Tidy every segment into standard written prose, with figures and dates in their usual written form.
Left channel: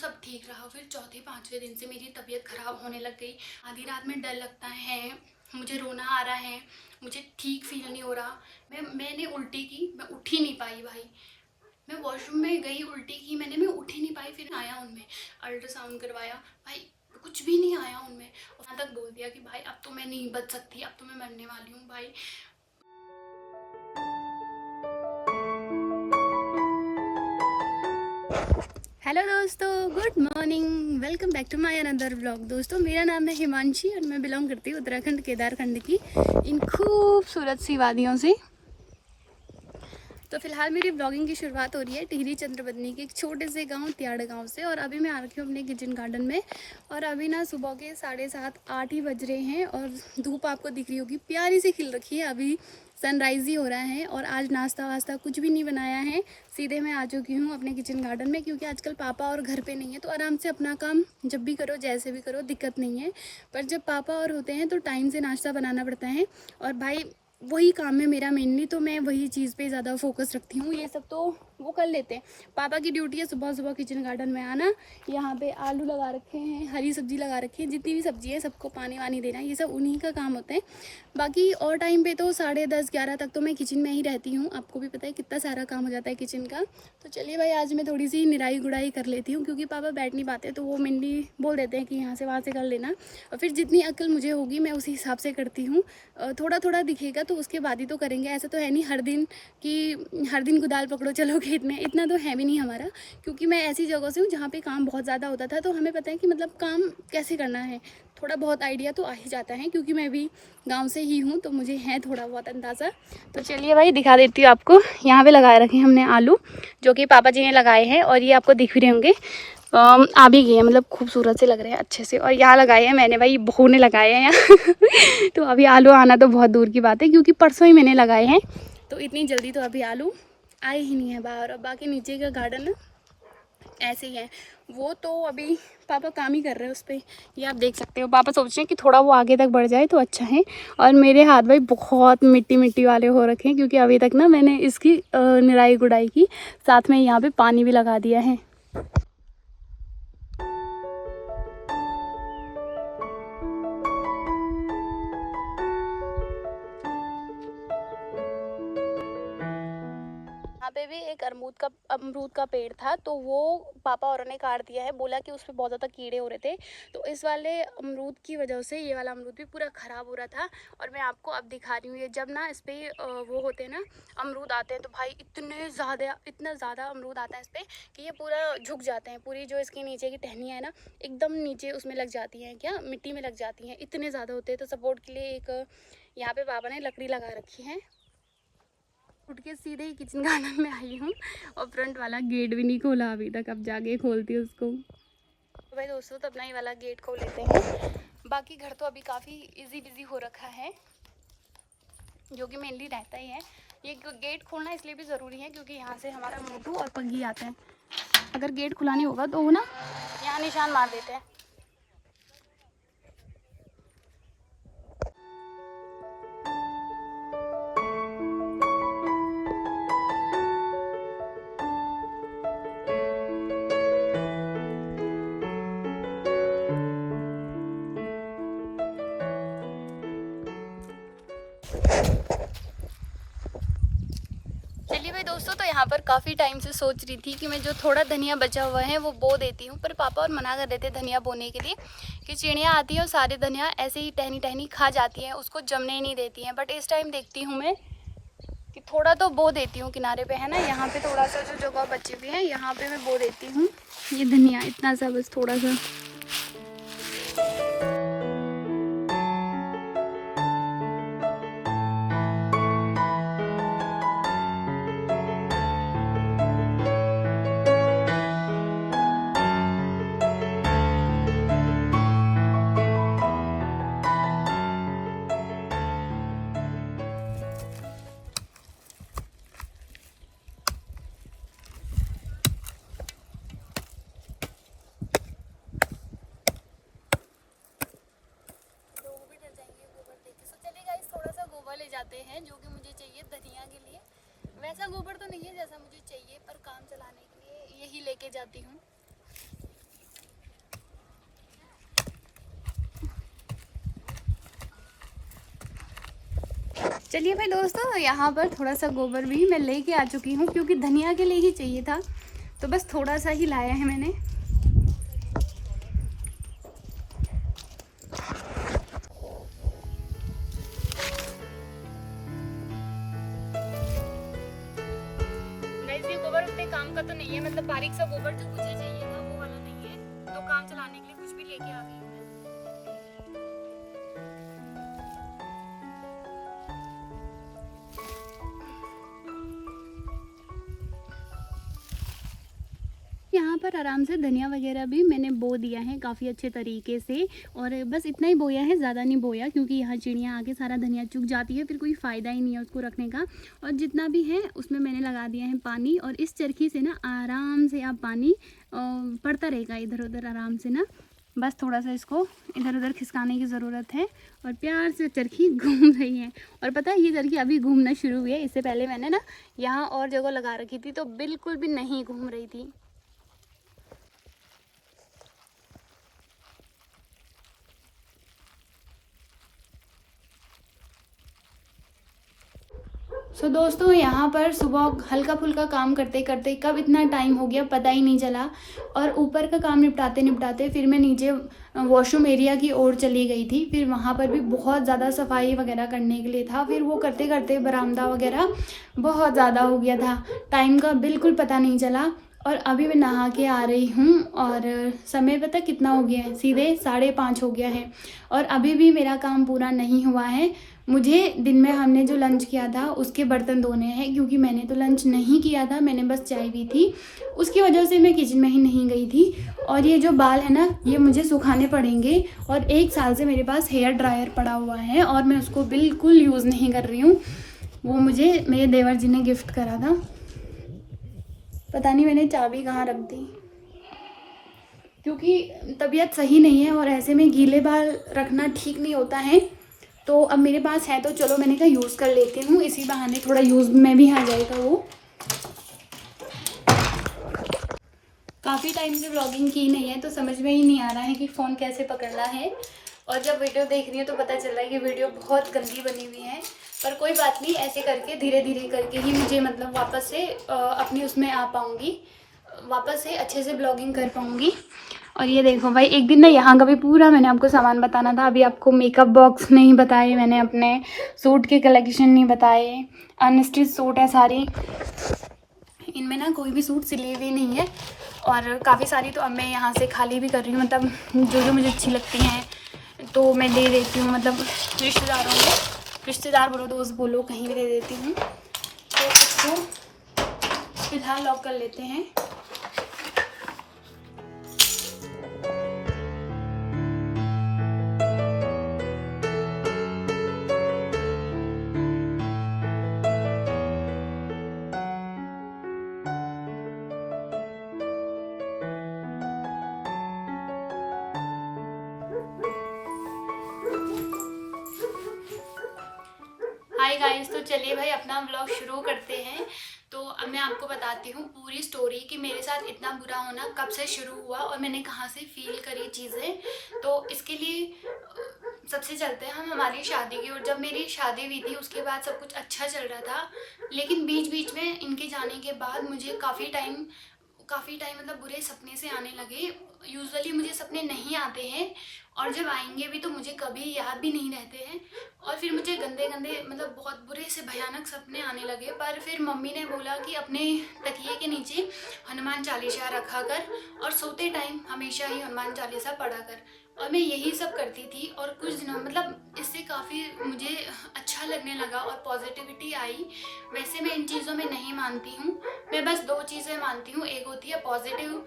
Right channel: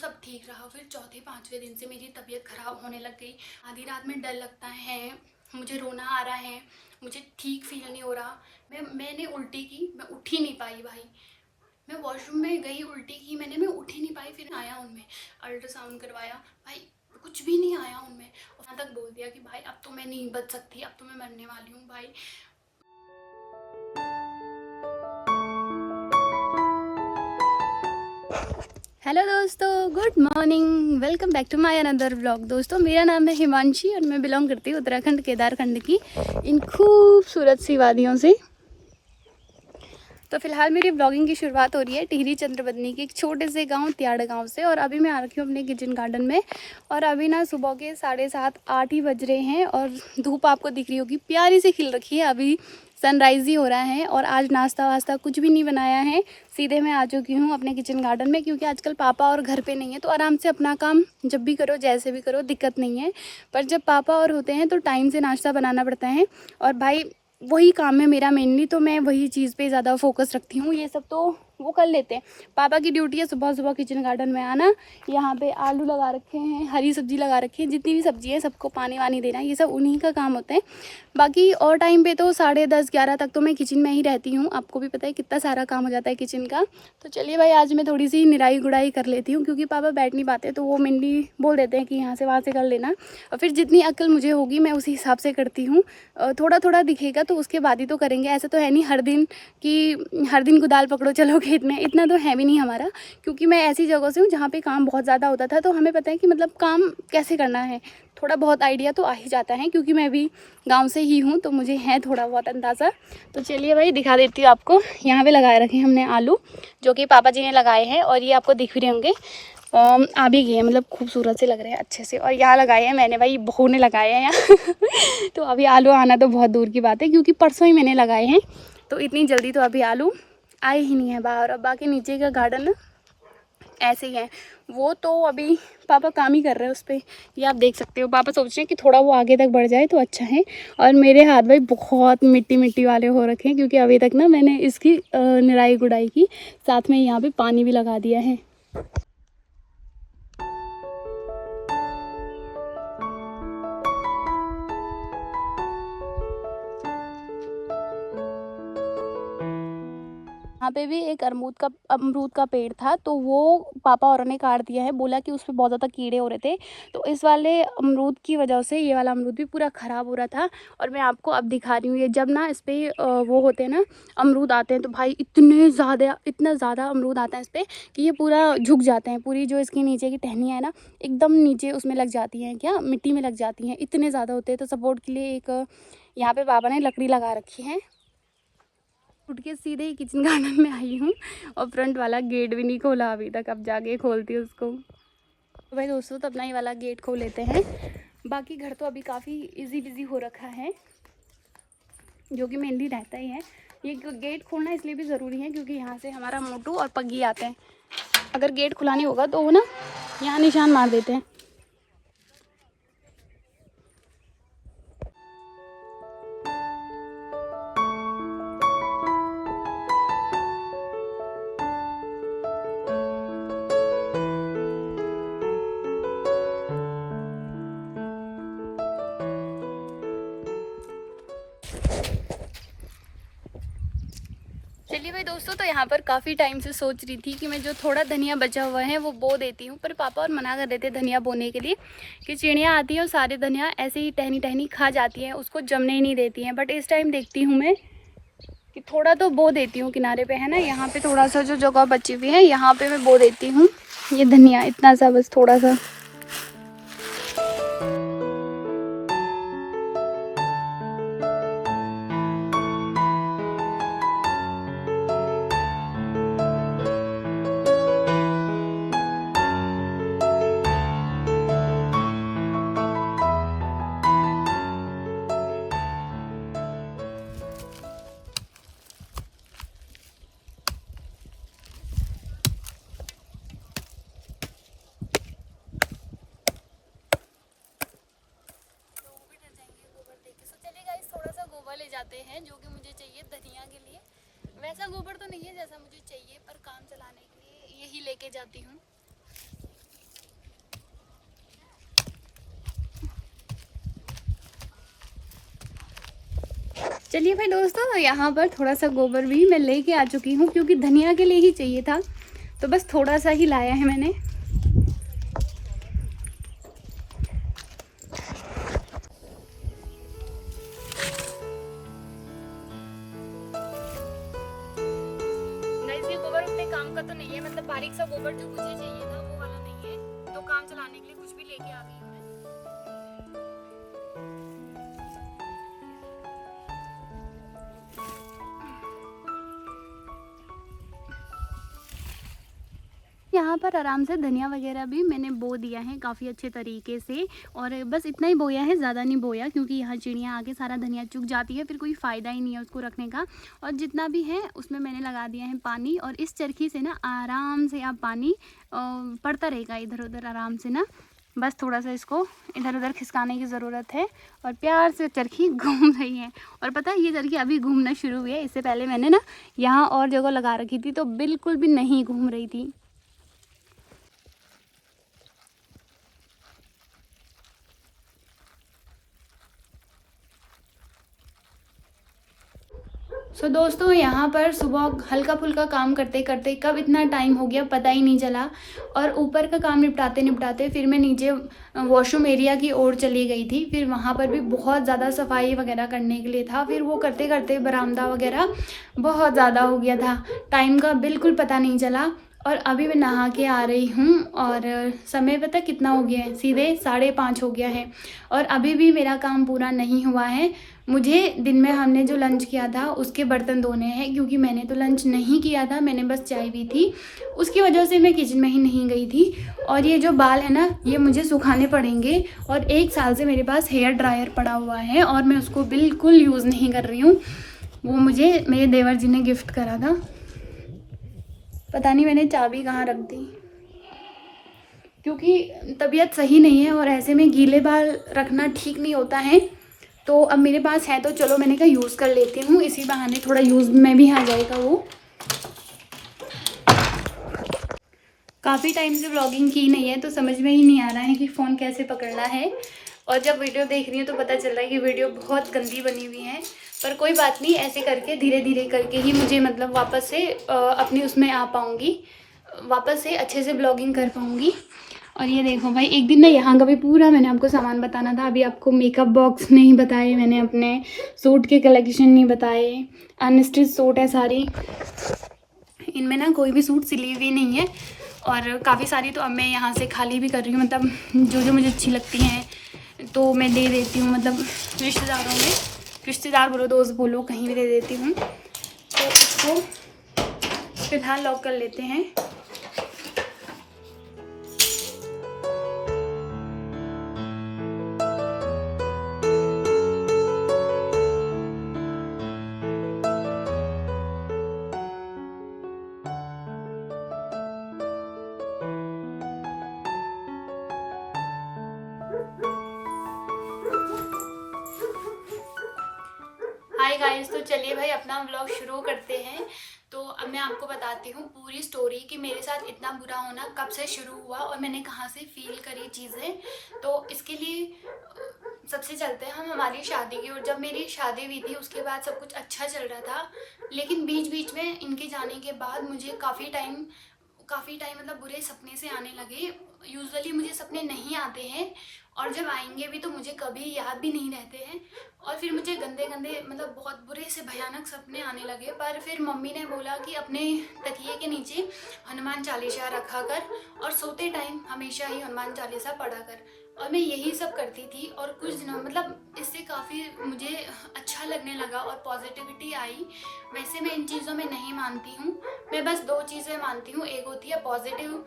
सब ठीक रहा। फिर चौथे पाँचवें दिन से मेरी तबीयत ख़राब होने लग गई। आधी रात में डर लगता है, मुझे रोना आ रहा है, मुझे ठीक फील नहीं हो रहा। मैंने उल्टी की, मैं उठ ही नहीं पाई भाई। मैं वॉशरूम में गई, उल्टी की मैंने, मैं उठ ही नहीं पाई। फिर आया उनमें, अल्ट्रासाउंड करवाया भाई, कुछ भी नहीं आया उनमें। और वहाँ तक बोल दिया कि भाई अब तो मैं नहीं बच सकती, अब तो मैं मरने वाली हूँ भाई। हेलो दोस्तों, good morning, welcome back to my another blog. दोस्तों मेरा नाम है हिमांशी और मैं बिलोंग करती हूँ उत्तराखंड केदारखंड की इन खूबसूरत सी वादियों से। तो फिलहाल मेरी ब्लॉगिंग की शुरुआत हो रही है टिहरी चंद्रबदनी के एक छोटे से गांव त्याड़ गांव से। और अभी मैं आ रखी हूँ अपने किचन गार्डन में। और अभी ना सुबह के 7:30-8 ही बज रहे हैं और धूप आपको दिख रही होगी, प्यारी सी खिल रखी है। अभी सनराइज़ ही हो रहा है और आज नाश्ता वास्ता कुछ भी नहीं बनाया है। सीधे मैं आ चुकी हूँ अपने किचन गार्डन में, क्योंकि आजकल पापा और घर पे नहीं है, तो आराम से अपना काम जब भी करो जैसे भी करो दिक्कत नहीं है। पर जब पापा और होते हैं तो टाइम से नाश्ता बनाना पड़ता है। और भाई वही काम है मेरा मेनली, तो मैं वही चीज़ पे ज़्यादा फोकस रखती हूँ। ये सब तो वो कर लेते हैं। पापा की ड्यूटी है सुबह सुबह किचन गार्डन में आना, यहाँ पे आलू लगा रखे हैं, हरी सब्जी लगा रखी है, जितनी भी सब्जी है सबको पानी वानी देना, ये सब उन्हीं का काम होता है। बाकी और टाइम पे तो 10:30-11 तक तो मैं किचन में ही रहती हूँ। आपको भी पता है कितना सारा काम हो जाता है किचन का। तो चलिए भाई, आज मैं थोड़ी सी निराई गुड़ाई कर लेती हूँ, क्योंकि पापा बैठ नहीं पाते, तो वो मेनली बोल देते हैं कि यहाँ से वहाँ से कर लेना। और फिर जितनी अक्ल मुझे होगी मैं उसी हिसाब से करती हूँ। थोड़ा थोड़ा दिखेगा तो उसके बाद ही तो करेंगे। ऐसा तो है नहीं हर दिन कि हर दिन कुदाल पकड़ो चलो खेत में, इतना तो है भी नहीं हमारा। क्योंकि मैं ऐसी जगह से हूँ जहाँ पे काम बहुत ज़्यादा होता था, तो हमें पता है कि मतलब काम कैसे करना है। थोड़ा बहुत आइडिया तो आ ही जाता है, क्योंकि मैं भी गांव से ही हूँ, तो मुझे है थोड़ा बहुत अंदाज़ा। तो चलिए भाई दिखा देती हूँ आपको। यहाँ पे लगाए रखे हमने आलू, जो कि पापा जी ने लगाए हैं, और ये आपको दिख भी रहे होंगे। आ भी गए हैं, मतलब खूबसूरत से लग रहे हैं अच्छे से। और यहाँ लगाए हैं मैंने, भाई बहू ने लगाए हैं यहाँ तो अभी आलू आना तो बहुत दूर की बात है, क्योंकि परसों ही मैंने लगाए हैं, तो इतनी जल्दी तो अभी आलू आए ही नहीं है बाहर। और बाकी नीचे का गार्डन ना ऐसे ही है, वो तो अभी पापा काम ही कर रहे हैं उस पर। ये आप देख सकते हो, पापा सोच रहे हैं कि थोड़ा वो आगे तक बढ़ जाए तो अच्छा है। और मेरे हाथ भाई बहुत मिट्टी मिट्टी वाले हो रखे हैं, क्योंकि अभी तक ना मैंने इसकी निराई गुड़ाई की, साथ में यहाँ पे पानी भी लगा दिया है। यहाँ पे भी एक अमरूद का पेड़ था, तो वो पापा और ने काट दिया है। बोला कि उस पर बहुत ज़्यादा कीड़े हो रहे थे, तो इस वाले अमरूद की वजह से ये वाला अमरूद भी पूरा ख़राब हो रहा था। और मैं आपको अब दिखा रही हूँ, ये जब ना इस पर वो होते हैं ना अमरूद आते हैं, तो भाई इतना ज़्यादा अमरूद आता है इस पर कि ये पूरा झुक जाते हैं। पूरी जो इसकी नीचे की टहनियाँ है ना, एकदम नीचे उसमें लग जाती हैं, क्या मिट्टी में लग जाती हैं, इतने ज़्यादा होते हैं। तो सपोर्ट के लिए एक यहाँ पर पापा ने लकड़ी लगा रखी है। उठ के सीधे ही किचन गार्डन में आई हूँ, और फ्रंट वाला गेट भी नहीं खोला अभी तक, अब जाके खोलती हूँ उसको। तो भाई दोस्तों, तो अपना ही वाला गेट खोल लेते हैं। बाकी घर तो अभी काफ़ी इजी बिजी हो रखा है, जो कि मेनली रहता ही है। ये गेट खोलना इसलिए भी ज़रूरी है, क्योंकि यहाँ से हमारा मोटू और पग्गी आते हैं। अगर गेट खुला नहीं होगा तो वो ना यहाँ निशान मार देते हैं। चलिए भाई दोस्तों, तो यहाँ पर काफ़ी टाइम से सोच रही थी कि मैं जो थोड़ा धनिया बचा हुआ है वो बो देती हूँ, पर पापा और मना कर देते धनिया बोने के लिए, कि चिड़ियाँ आती हैं और सारे धनिया ऐसे ही टहनी टहनी खा जाती हैं, उसको जमने ही नहीं देती हैं। बट इस टाइम देखती हूँ मैं कि थोड़ा तो बो देती हूँ। किनारे पे है ना, यहाँ पे थोड़ा सा जो जगह बची हुई है, यहाँ पे मैं बो देती हूँ ये धनिया, इतना सा बस, थोड़ा सा। ले जाते हैं, जो कि मुझे चाहिए धनिया के लिए। वैसा गोबर तो नहीं है जैसा मुझे चाहिए, पर काम चलाने के लिए यही लेके जाती हूँ। चलिए भाई दोस्तों, यहाँ पर थोड़ा सा गोबर भी मैं लेके आ चुकी हूँ, क्योंकि धनिया के लिए ही चाहिए था, तो बस थोड़ा सा ही लाया है मैंने। गोबर उतने काम का तो नहीं है, मतलब बारीक सा गोबर जो मुझे चाहिए था वो वाला नहीं है, तो काम चलाने के लिए कुछ भी लेके आ गई हूँ। यहाँ पर आराम से धनिया वगैरह भी मैंने बो दिया है काफ़ी अच्छे तरीके से, और बस इतना ही बोया है, ज़्यादा नहीं बोया, क्योंकि यहाँ चिड़ियाँ आके सारा धनिया चुग जाती है, फिर कोई फ़ायदा ही नहीं है उसको रखने का। और जितना भी है उसमें मैंने लगा दिया है पानी, और इस चरखी से ना आराम से आप पानी पड़ता रहेगा इधर उधर आराम से ना। बस थोड़ा सा इसको इधर उधर खिसकाने की ज़रूरत है, और प्यार से चरखी घूम रही है। और पता है ये चरखी अभी घूमना शुरू हुई है, इससे पहले मैंने ना यहाँ और जगह लगा रखी थी तो बिल्कुल भी नहीं घूम रही थी। दोस्तों, यहाँ पर सुबह हल्का फुल्का काम करते करते कब इतना टाइम हो गया पता ही नहीं चला, और ऊपर का काम निपटाते निपटाते फिर मैं नीचे वॉशरूम एरिया की ओर चली गई थी। फिर वहाँ पर भी बहुत ज़्यादा सफाई वगैरह करने के लिए था, फिर वो करते करते बरामदा वगैरह बहुत ज़्यादा हो गया था, टाइम का बिल्कुल पता नहीं चला। और अभी मैं नहा के आ रही हूँ, और समय पता कितना हो गया है, सीधे 5:30 हो गया है, और अभी भी मेरा काम पूरा नहीं हुआ है। मुझे दिन में हमने जो लंच किया था उसके बर्तन धोने हैं, क्योंकि मैंने तो लंच नहीं किया था, मैंने बस चाय पी थी, उसकी वजह से मैं किचन में ही नहीं गई थी। और ये जो बाल है ना, ये मुझे सुखाने पड़ेंगे, और 1 साल से मेरे पास हेयर ड्रायर पड़ा हुआ है और मैं उसको बिल्कुल यूज़ नहीं कर रही हूँ। वो मुझे मेरे देवर जी ने गिफ्ट करा था, पता नहीं मैंने चाबी कहाँ रख दी, क्योंकि तबीयत सही नहीं है और ऐसे में गीले बाल रखना ठीक नहीं होता है। तो अब मेरे पास है तो चलो मैंने कहा यूज़ कर लेती हूँ, इसी बहाने थोड़ा यूज़ में भी आ जाएगा वो। काफ़ी टाइम से व्लॉगिंग की नहीं है तो समझ में ही नहीं आ रहा है कि फ़ोन कैसे पकड़ना है, और जब वीडियो देख रही है तो पता चल रहा है कि वीडियो बहुत गंदी बनी हुई है। पर कोई बात नहीं, ऐसे करके धीरे धीरे करके ही मुझे मतलब वापस से अपनी उसमें आ पाऊँगी, वापस से अच्छे से ब्लॉगिंग कर पाऊँगी। और ये देखो भाई, एक दिन ना यहाँ का भी पूरा मैंने आपको सामान बताना था, अभी आपको मेकअप बॉक्स नहीं बताए मैंने, अपने सूट के कलेक्शन नहीं बताए, अनस्टिच सूट है सारी, इनमें ना कोई भी सूट सिली हुई नहीं है, और काफ़ी सारी तो अब मैं यहाँ से खाली भी कर रही हूँ, मतलब जो जो मुझे अच्छी लगती हैं तो मैं दे देती हूँ, मतलब रिश्तेदारों में, रिश्तेदार बोलो दोस्त बोलो, कहीं भी दे देती हूँ। तो इसको फिलहाल लॉक कर लेते हैं। हाय गाइस, तो चलिए भाई अपना व्लॉग शुरू करते हैं। तो अब मैं आपको बताती हूँ पूरी स्टोरी कि मेरे साथ इतना बुरा होना कब से शुरू हुआ और मैंने कहाँ से फील करी चीज़ें। तो इसके लिए सबसे चलते हैं हम हमारी शादी की ओर। जब मेरी शादी हुई थी उसके बाद सब कुछ अच्छा चल रहा था, लेकिन बीच बीच में इनके जाने के बाद मुझे काफ़ी टाइम मतलब बुरे सपने से आने लगे। यूजुअली मुझे सपने नहीं आते हैं, और जब आएंगे भी तो मुझे कभी याद भी नहीं रहते हैं, और फिर मुझे गंदे गंदे मतलब बहुत बुरे से भयानक सपने आने लगे। पर फिर मम्मी ने बोला कि अपने तकिए के नीचे हनुमान चालीसा रखा कर, और सोते टाइम हमेशा ही हनुमान चालीसा पढ़ा कर। और मैं यही सब करती थी, और कुछ दिनों मतलब इससे काफ़ी मुझे अच्छा लगने लगा और पॉजिटिविटी आई। वैसे मैं इन चीज़ों में नहीं मानती हूँ, मैं बस 2 चीज़ें मानती हूँ, एक होती है पॉजिटिव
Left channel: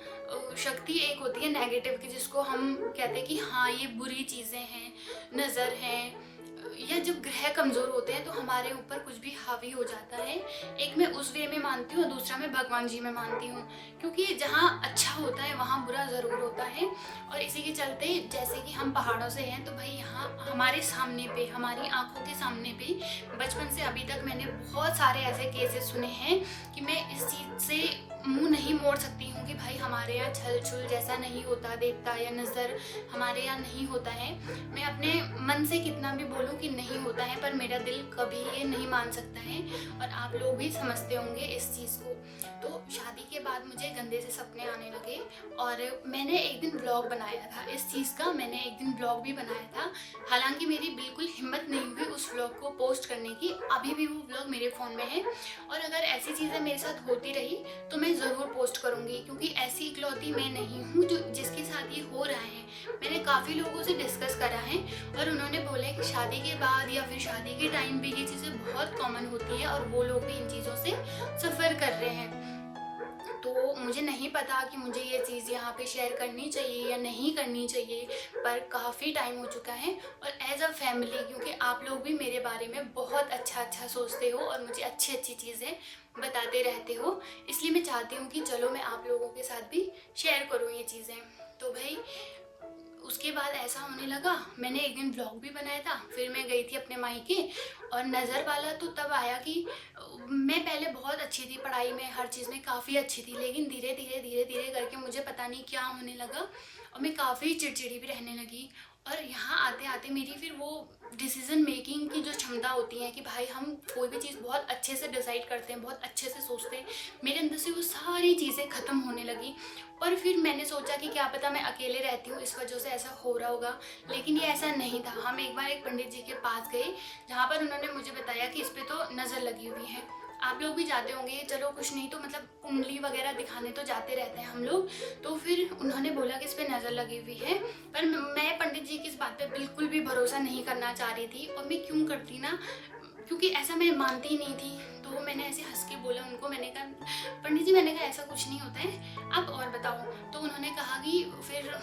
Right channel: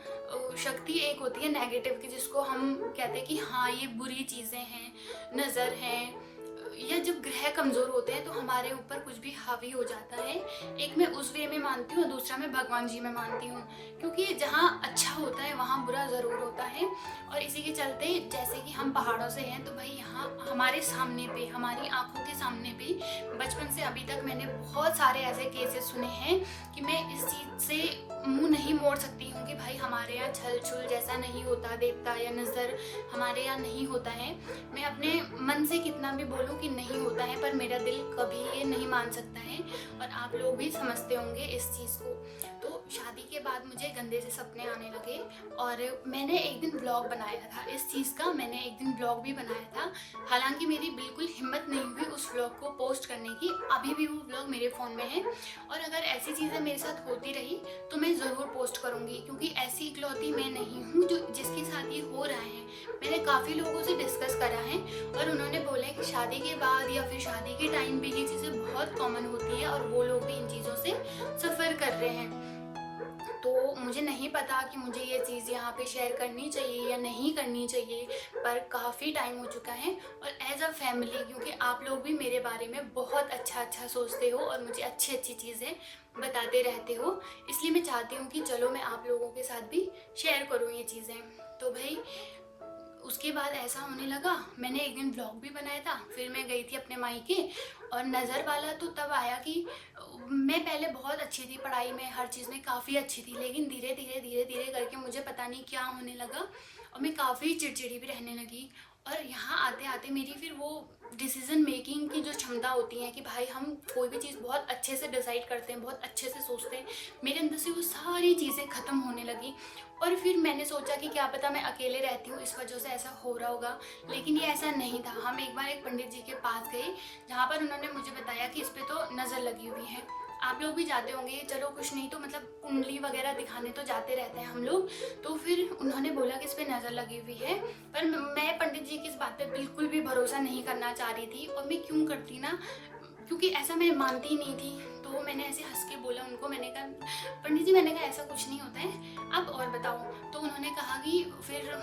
शक्ति, एक होती है नेगेटिव की, जिसको हम कहते हैं कि हाँ ये बुरी चीज़ें हैं, नज़र हैं, या जब ग्रह कमज़ोर होते हैं तो हमारे ऊपर कुछ भी हावी हो जाता है। एक मैं उस वे में मानती हूँ और दूसरा मैं भगवान जी में मानती हूँ, क्योंकि जहाँ अच्छा होता है वहाँ बुरा थोड़ा ज़रूर होता है। और इसी के चलते जैसे कि हम पहाड़ों से हैं, तो भाई यहाँ हमारे सामने पे, हमारी आंखों के सामने पे बचपन से अभी तक मैंने बहुत सारे ऐसे केसेस सुने हैं कि मैं इस चीज़ से मुंह नहीं मोड़ सकती हूँ कि भाई हमारे यहाँ छल छुल जैसा नहीं होता, देवता या नज़र हमारे यहाँ नहीं होता है। मैं अपने मन से कितना भी बोलूँ कि नहीं होता है, पर मेरा दिल कभी ये नहीं मान सकता है। और आप लोग भी समझते होंगे इस चीज़ को। तो शादी के बाद मुझे गंदे से सपने आने लगे और मैंने एक दिन व्लॉग बनाया था इस चीज़ का, मैंने एक दिन व्लॉग भी बनाया था। हालांकि मेरी बिल्कुल हिम्मत नहीं हुई उस व्लॉग को पोस्ट करने की, अभी भी वो व्लॉग मेरे फ़ोन में है। और अगर ऐसी चीज़ें मेरे साथ होती रही तो मैं ज़रूर पोस्ट करूँगी, क्योंकि ऐसी इकलौती मैं नहीं हूँ जो जिसके साथ ये हो रहा है। मैंने काफ़ी लोगों से डिस्कस करा है और उन्होंने बोला कि शादी के बाद या फिर शादी के टाइम पे ये चीज़ें बहुत कॉमन होती है और वो लोग भी इन चीज़ों से सफ़र कर रहे हैं। तो मुझे नहीं पता कि मुझे ये चीज़ यहाँ पे शेयर करनी चाहिए या नहीं करनी चाहिए, पर काफ़ी टाइम हो चुका है। और एज अ फैमिली, क्योंकि आप लोग भी मेरे बारे में बहुत अच्छा सोचते हो और मुझे अच्छी चीज़ें बताते रहते हो, इसलिए मैं चाहती हूँ कि चलो मैं आप लोगों के साथ भी शेयर करूँ ये चीज़ें। तो भाई उसके बाद ऐसा होने लगा, मैंने एक दिन ब्लॉग भी बनाया था, फिर मैं गई थी अपने मायके। और नज़र वाला तो तब आया कि मैं पहले बहुत अच्छी थी पढ़ाई में, हर चीज़ में काफ़ी अच्छी थी, लेकिन धीरे धीरे करके मुझे पता नहीं क्या होने लगा और मैं काफ़ी चिड़चिड़ी भी रहने लगी। और यहाँ आते आते मेरी फिर वो डिसीज़न मेकिंग की जो क्षमता होती है कि भाई हम कोई भी चीज़ बहुत अच्छे से डिसाइड करते हैं, बहुत अच्छे से सोचते हैं, मेरे अंदर से वो सारी चीज़ें ख़त्म होने लगी। और फिर मैंने सोचा कि क्या पता मैं अकेले रहती हूँ इस वजह से ऐसा हो रहा होगा, लेकिन ये ऐसा नहीं था। हम एक बार एक पंडित जी के पास गए, जहाँ पर उन्होंने मुझे बताया कि इस पर तो नज़र लगी हुई है। आप लोग भी जाते होंगे, चलो कुछ नहीं तो मतलब कुंडली वगैरह दिखाने तो जाते रहते हैं हम लोग। तो फिर उन्होंने बोला कि इस पर नज़र लगी हुई है, पर मैं पंडित जी की इस बात पे बिल्कुल भी भरोसा नहीं करना चाह रही थी। और मैं क्यों करती ना, क्योंकि ऐसा मैं मानती ही नहीं थी। तो मैंने ऐसे हंस के बोला उनको, मैंने कहा पंडित जी, मैंने कहा ऐसा कुछ नहीं होता है, आप और बताओ। तो उन्होंने कहा कि फिर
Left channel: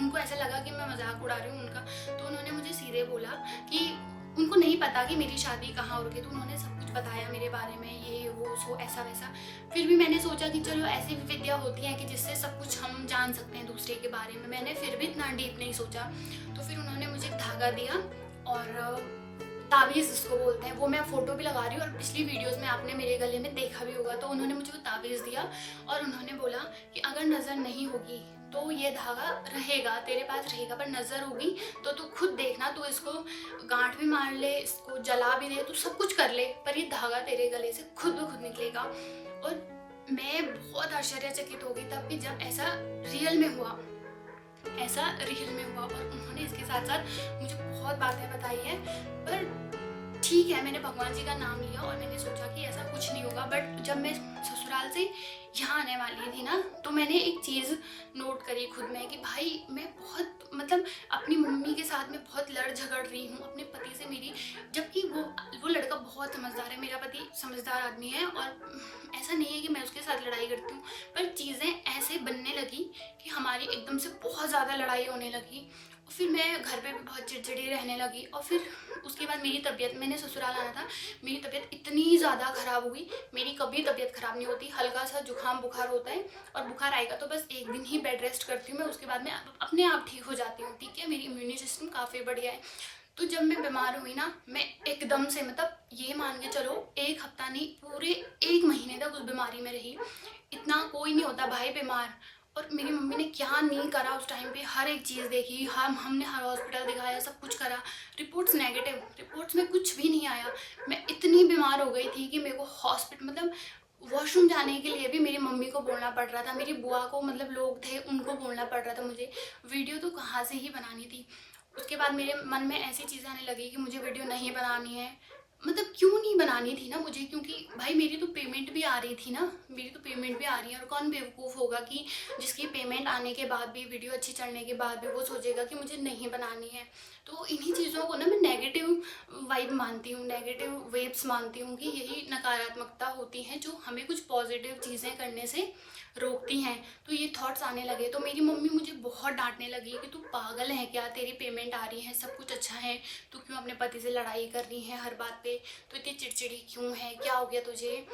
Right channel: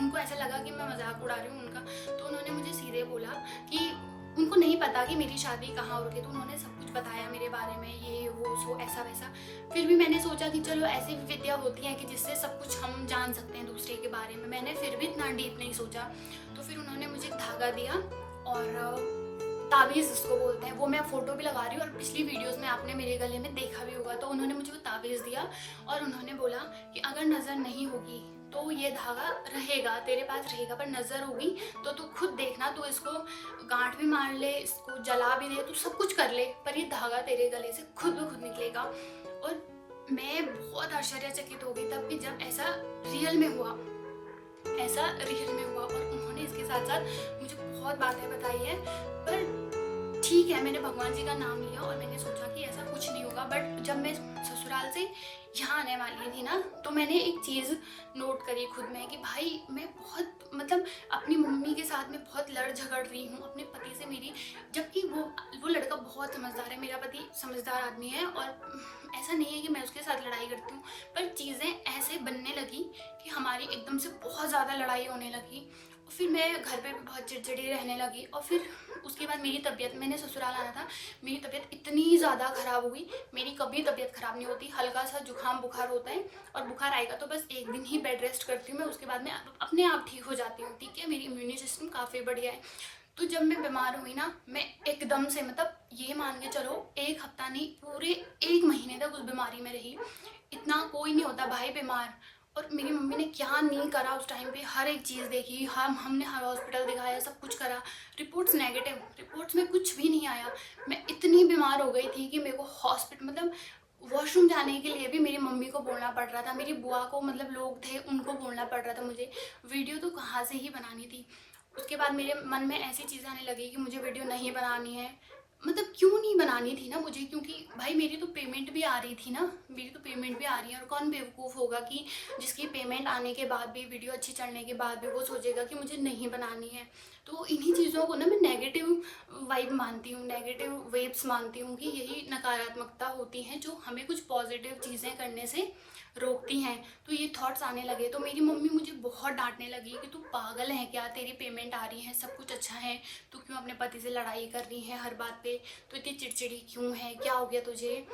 उनको ऐसा लगा कि मैं मजाक उड़ा रही हूँ उनका, तो उन्होंने मुझे सीधे बोला कि उनको नहीं पता कि मेरी शादी कहाँ हो रही है। तो उन्होंने सब कुछ बताया मेरे बारे में, ये वो सो ऐसा वैसा। फिर भी मैंने सोचा कि चलो ऐसी भी विद्या होती है कि जिससे सब कुछ हम जान सकते हैं दूसरे के बारे में। मैंने फिर भी इतना डीप नहीं सोचा। तो फिर उन्होंने मुझे धागा दिया और ताबीज़ जिसको बोलते हैं, वो मैं फ़ोटो भी लगा रही हूँ और पिछली वीडियोस में आपने मेरे गले में देखा भी होगा। तो उन्होंने मुझे वो ताबीज़ दिया और उन्होंने बोला कि अगर नज़र नहीं होगी तो ये धागा रहेगा, तेरे पास रहेगा, पर नज़र होगी तो तू खुद देखना, तू इसको गांठ भी मार ले, इसको जला भी दे, तू सब कुछ कर ले, पर ये धागा तेरे गले से खुद ब खुद निकलेगा। और मैं बहुत आश्चर्यचकित हो गई तब कि जब ऐसा रियल में हुआ, ऐसा रियल में हुआ। और उन्होंने इसके साथ साथ मुझे बहुत बातें बताई हैं। पर ठीक है, मैंने भगवान जी का नाम लिया और मैंने सोचा कि ऐसा कुछ नहीं होगा। बट जब मैं ससुराल से यहाँ आने वाली थी ना, तो मैंने एक चीज़ नोट करी खुद में कि भाई मैं बहुत मतलब अपनी मम्मी के साथ में बहुत लड़ झगड़ रही हूँ अपने पति से मेरी, जबकि वो लड़का बहुत समझदार है, मेरा पति समझदार आदमी है। और ऐसा नहीं है कि मैं उसके साथ लड़ाई करती हूँ, पर चीज़ें ऐसे बनने लगी कि हमारी एकदम से बहुत ज़्यादा लड़ाई होने लगी। और फिर मैं घर पे भी बहुत चिड़चिड़ी रहने लगी। और फिर उसके बाद मेरी तबीयत, मैंने ससुराल आना था, मेरी तबीयत इतनी ज़्यादा ख़राब हो गई। मेरी कभी तबीयत ख़राब नहीं होती, हल्का सा जुकाम बुखार होता है और बुखार आएगा तो बस एक दिन ही बेड रेस्ट करती हूँ मैं, उसके बाद मैं अपने आप ठीक हो जाती हूँ। ठीक है, मेरी इम्यूनिटी सिस्टम काफ़ी बढ़िया है। तो जब मैं बीमार हुई ना, मैं एकदम से मतलब ये मान के चलो एक हफ्ता नहीं, पूरे 1 महीने तक उस बीमारी में रही। इतना कोई नहीं होता भाई बीमार। और मेरी मम्मी ने क्या नहीं करा उस टाइम पे, हर एक चीज़ देखी, हमने हर हॉस्पिटल दिखाया, सब कुछ करा, रिपोर्ट्स नेगेटिव, रिपोर्ट्स में कुछ भी नहीं आया। मैं इतनी बीमार हो गई थी कि मेरे को हॉस्पिटल मतलब वॉशरूम जाने के लिए भी मेरी मम्मी को बोलना पड़ रहा था, मेरी बुआ को, मतलब लोग थे उनको बोलना पड़ रहा था मुझे। वीडियो तो कहाँ से ही बनानी थी। उसके बाद मेरे मन में ऐसी चीज़ें आने लगी कि मुझे वीडियो नहीं बनानी है। मतलब क्यों नहीं बनानी थी ना मुझे, क्योंकि भाई मेरी तो पेमेंट भी आ रही थी ना, मेरी तो पेमेंट भी आ रही है। और कौन बेवकूफ़ होगा कि जिसकी पेमेंट आने के बाद भी, वीडियो अच्छी चलने के बाद भी वो सोचेगा कि मुझे नहीं बनानी है। तो इन्हीं चीज़ों को ना मैं नेगेटिव वाइब मानती हूँ, नेगेटिव वेव्स मानती हूँ कि यही नकारात्मकता होती हैं जो हमें कुछ पॉजिटिव चीज़ें करने से रोकती हैं। तो ये थॉट्स आने लगे तो मेरी मम्मी मुझे बहुत डांटने लगी कि तू पागल है क्या, तेरी पेमेंट आ रही है, सब कुछ अच्छा है, तू क्यों अपने पति से लड़ाई कर रही है हर बात पे, तो इतनी चिड़चिड़ी क्यों है, क्या हो गया तुझे।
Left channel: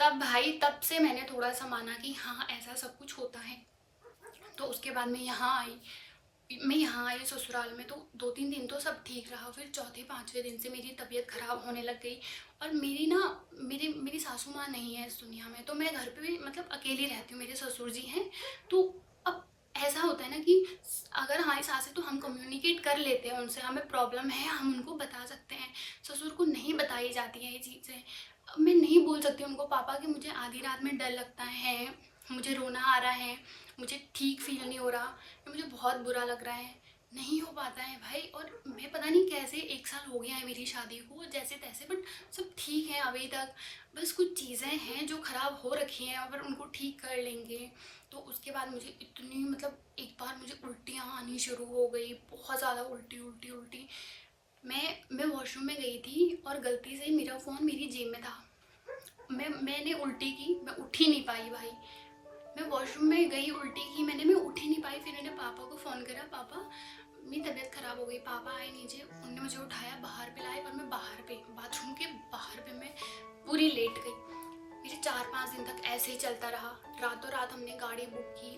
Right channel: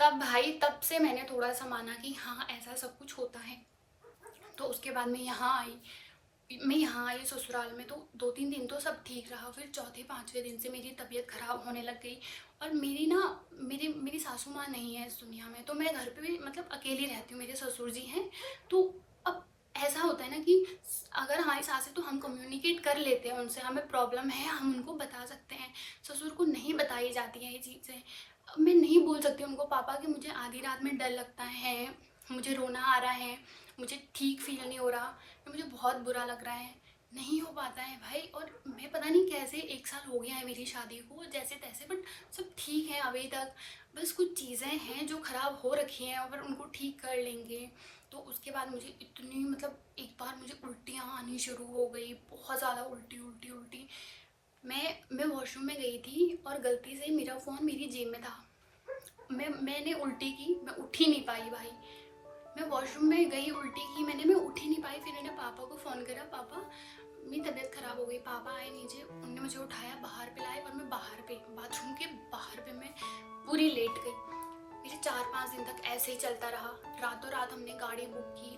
तब भाई, तब से मैंने थोड़ा सा माना कि हाँ ऐसा सब कुछ होता है। तो उसके उसके बाद मैं यहाँ आई ससुराल में, तो 2-3 दिन तो सब ठीक रहा। फिर चौथे 5वें दिन से मेरी तबीयत ख़राब होने लग गई। और मेरी सासू माँ नहीं है इस दुनिया में, तो मैं घर पे भी मतलब अकेली रहती हूँ। मेरे ससुर जी हैं, तो अब ऐसा होता है ना कि अगर हमारी सास है तो हम कम्युनिकेट कर लेते हैं उनसे, हमें प्रॉब्लम है हम उनको बता सकते हैं। ससुर को नहीं बताई जाती हैं ये चीज़ें। मैं नहीं बोल सकती उनको पापा कि मुझे आधी रात में डर लगता है, मुझे रोना आ रहा है, मुझे ठीक फील नहीं हो रहा, या मुझे बहुत बुरा लग रहा है। नहीं हो पाता है भाई। और मैं पता नहीं कैसे 1 साल हो गया है मेरी शादी को जैसे तैसे, बट सब ठीक है अभी तक। बस कुछ चीज़ें हैं जो ख़राब हो रखी हैं, और उनको ठीक कर लेंगे। तो उसके बाद मुझे इतनी मतलब एक बार मुझे उल्टियाँ आनी शुरू हो गई, बहुत ज़्यादा उल्टी उल्टी उल्टी। मैं वॉशरूम में गई थी और गलती से मेरा फ़ोन मेरी जेब में था। मैंने उल्टी की, मैं उठ ही नहीं पाई भाई। मैं वॉशरूम में गई, उल्टी की मैं उठ ही नहीं पाई। फिर मैंने पापा को फ़ोन करा, पापा मेरी तबीयत ख़राब हो गई। पापा आए नीचे, उन्होंने मुझे उठाया, बाहर पे लाए, और मैं बाहर पे बाथरूम के बाहर पे मैं पूरी लेट गई। मेरे 4-5 दिन तक ऐसे ही चलता रहा। रातों रात हमने गाड़ी बुक की,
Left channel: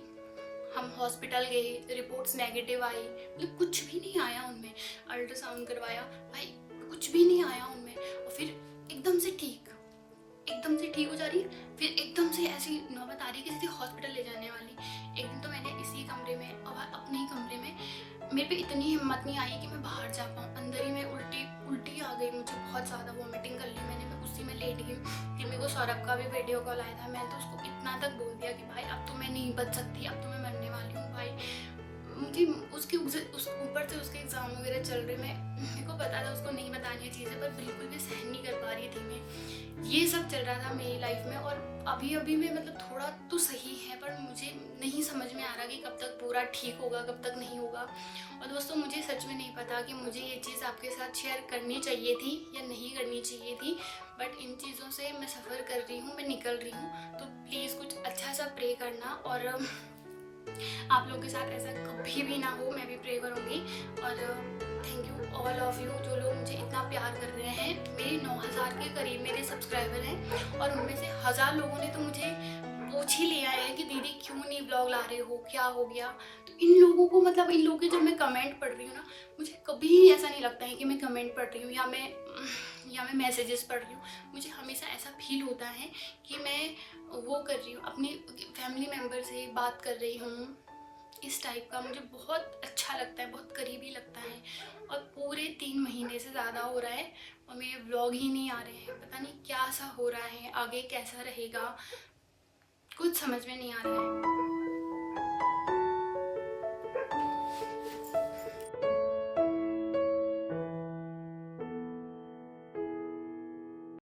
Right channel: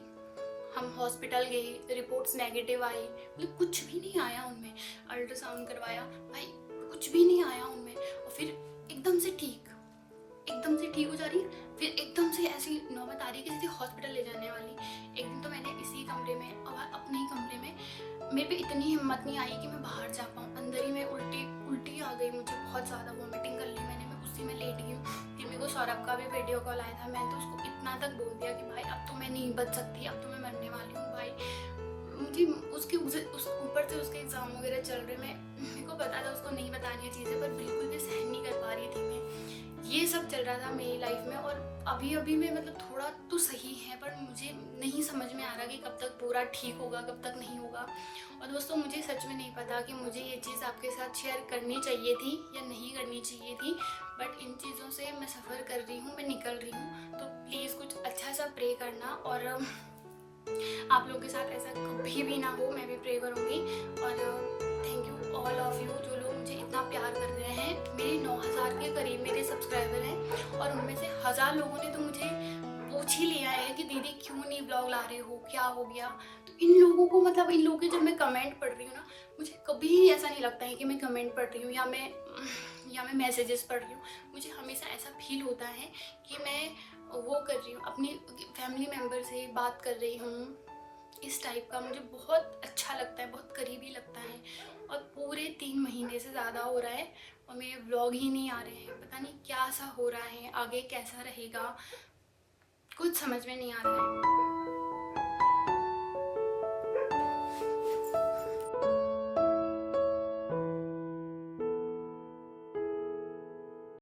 हम हॉस्पिटल गए, रिपोर्ट्स नेगेटिव आई, मतलब कुछ भी नहीं आया उनमें। अल्ट्रासाउंड करवाया भाई, कुछ भी नहीं आया उनमें। और फिर एकदम से ठीक हो जा रही है, फिर एकदम से ऐसी नौबत आ रही है कि सीधे हॉस्पिटल ले जाने वाली। एक दिन तो मैंने इसी कमरे में, और अपने ही कमरे में, मेरे पे इतनी हिम्मत नहीं आई कि मैं बाहर जा पाऊँ। अंदर ही में उल्टी आ गई मुझे, बहुत ज़्यादा वॉमिटिंग कर ली मैंने। मैं उसी में लेट गई। फिर मेरे को सौरभ का भी वीडियो कॉल आया था। मैं तो उसको इतना तक बोल दिया कि भाई अब तो मैं नहीं बच सकती, अब तो मैं मरने वाली हूँ भाई। मुझे उसके ऊपर से उसके एग्ज़ाम वगैरह चल रहे, मेरे को पता था उसको नहीं बतानी है चीज़ें, पर बिल्कुल भी सहन नहीं कर पा रही थी मैं। ये सब चल रहा था मेरी लाइफ में। और अभी में मतलब थोड़ा तो सही है, पर मुझे नहीं समझ में आ रहा कि कब तक पूरा ठीक होगा, कब तक नहीं होगा। और दोस्तों मुझे सच में नहीं पता कि मुझे ये चीज़ आपके साथ शेयर करनी चाहिए थी या नहीं करनी चाहिए थी, बट इन चीज़ों से मैं सफ़र कर रही हूँ, मैं निकल रही हूँ। तो प्लीज़ कुछ अच्छा सा प्रे करना, और आप लोग के साथ ऐसा कभी भी ना हो, मैं भी प्रे करूँगी। और thank you all of you जो लोग मुझे इतना प्यार कर रहे हैं। मेरे 9000 के करीब मेरे सब्सक्राइबर हैं, और उनमें से 1000 लोगों ने तो मुझे पूछ ही लिया है कि दीदी क्यों नहीं ब्लॉग ला रहे हो, क्या हो गया। तो इन लोगों को मतलब इन लोगों के जब मैं कमेंट पढ़ रही हूँ ना, मुझे कभी ऐसा नहीं लगता है कि मैं कमेंट पढ़ रही हूँ या मैं मैसेजेस पढ़ रही हूँ। मुझे हमेशा ऐसा फील होता है कि मैं वो कर रही हूँ, अपनी फैमिली मेम्बर से बात कर रही हूँ। इस टाइप का मुझे बहुत अच्छा लगता है, बहुत करीबी लगता है। और पूरे 3 महीने से ज़्यादा हो रहा है और मेरे व्लॉग ही नहीं आ रहे हैं। पता नहीं क्या सा हो रहा है, आगे कैसा रहेगा, कुछ समझ में नहीं आ रहा है।